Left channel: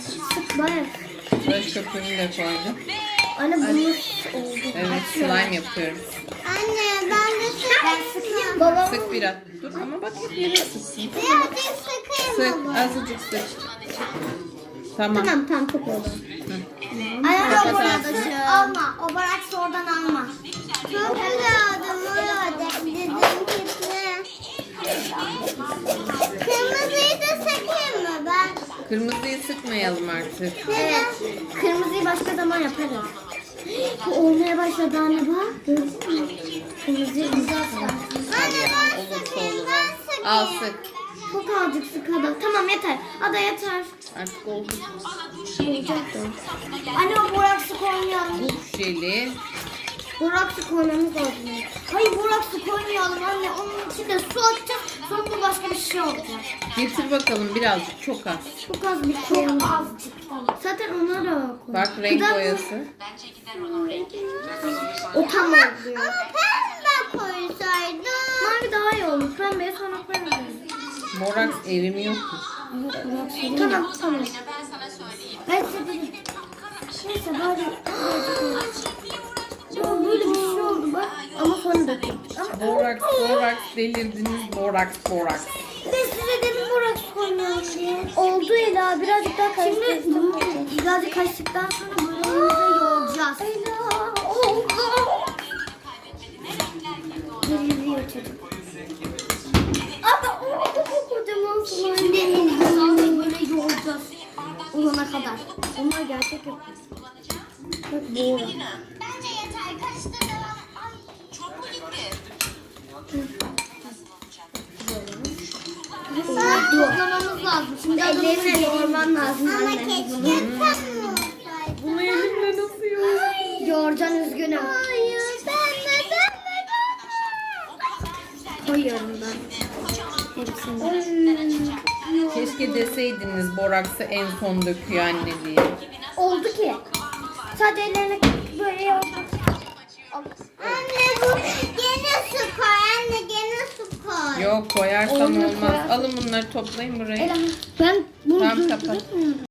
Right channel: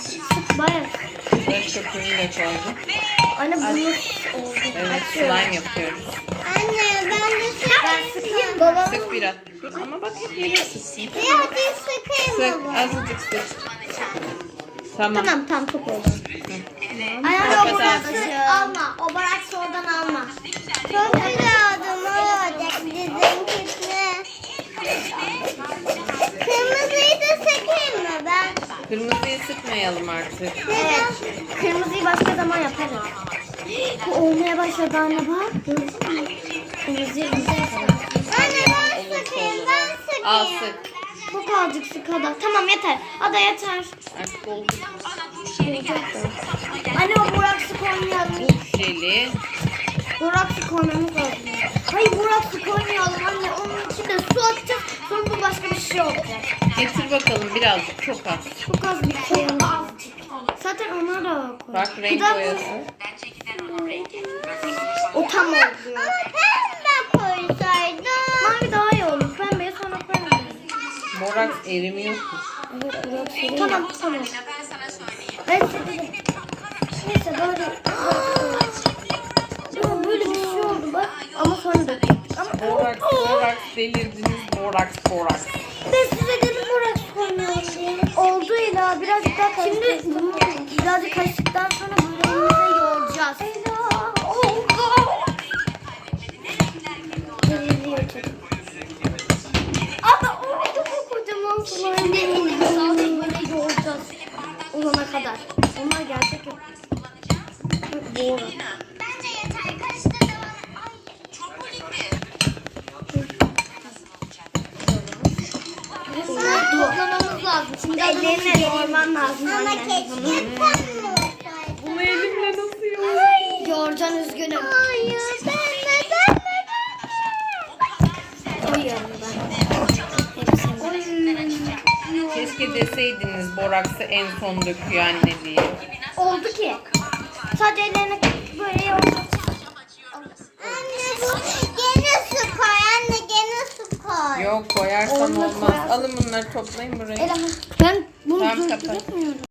Sık bayağı. Tıraş köpüğünü de koydum. Anne bunu oldu. Evet, slime yapıyoruz. Anne ben de sıkayım. Baba. Sık biraz. Dur ama bak yere sıksın. Hadi sıkayım Sık, azıcık sık. Tamam. Tamam çok oldu. Anne o Kapat bıraksı ağzını. alma. O bıraksı oradan alma. Çok güzel adamı. Dedim kitle. Kırmızıyı da sıkayım mı ben? Kırmızıyı sıkmayalım artık. Evet. Kırmızıyı başka zaman yaparız. Bu olmaya başladı anne bak. Gördün mü? Kırmızıyı güzel falan. Olursa olur. Al sık. Çok azıcık sık hadi. Tamam yeter. Ada yeter. Artık oldu. Olacak da. Anne o boraksı koymayalım. Bu jeli. Boraksı koymamız lazım. Hayır boraksı koymayalım anne. Onun içine su atacağız. Sonra bu başka bir şey olacak. Getir bakalım birazcık, çok az. Çok az bir koyalım. Zaten onları da koy. Bak renk boyası. O tam oldu. Pembe koysaydım. Mavi daha iyi olur. Pembeyi sonra koyalım. Boraks erimiyor ki. Tamam tamam. Ben size neyse böyle. Ya böyle bir şey oldu bak. Ama sonra da. Boraks delirdiniz. Boraks. Ben size dedim boraks koymayalım diye. Oldu Ela. Birazcık daha karıştırsın. Birazcık karıştıktan sonra bunu yoğuracağız. Ela. Oldu. Deliriyor çocuk. Ama oldu bu kocaman sular. Şimdi böyle yoğuracağız. Olana kadar. Onlar gerçek yok. Doğru. Bence yeter. Karıştırdım. Ay. Kullanmamız lazım. Şimdi ellerine yoğurman lazım. Ama keşke kapmıyor. Bunu elimle nasıl yoğurayım? Yoğurcan üzgünüm. Hayır. Ben de. Koyuyorum ben. Hepsini. Keşke deseydiniz boraksı en son döküyor anne diye. Oldu ki. Sadece ellerine böyle yoğuracağız. Anne bu gene su koy. Anne gene su koy. Yok koyarsam Olmaz, olmaz. koyarsın. Alın bunları toplayın buraya. Ela ben bunu Tamam, durdurmuyorum.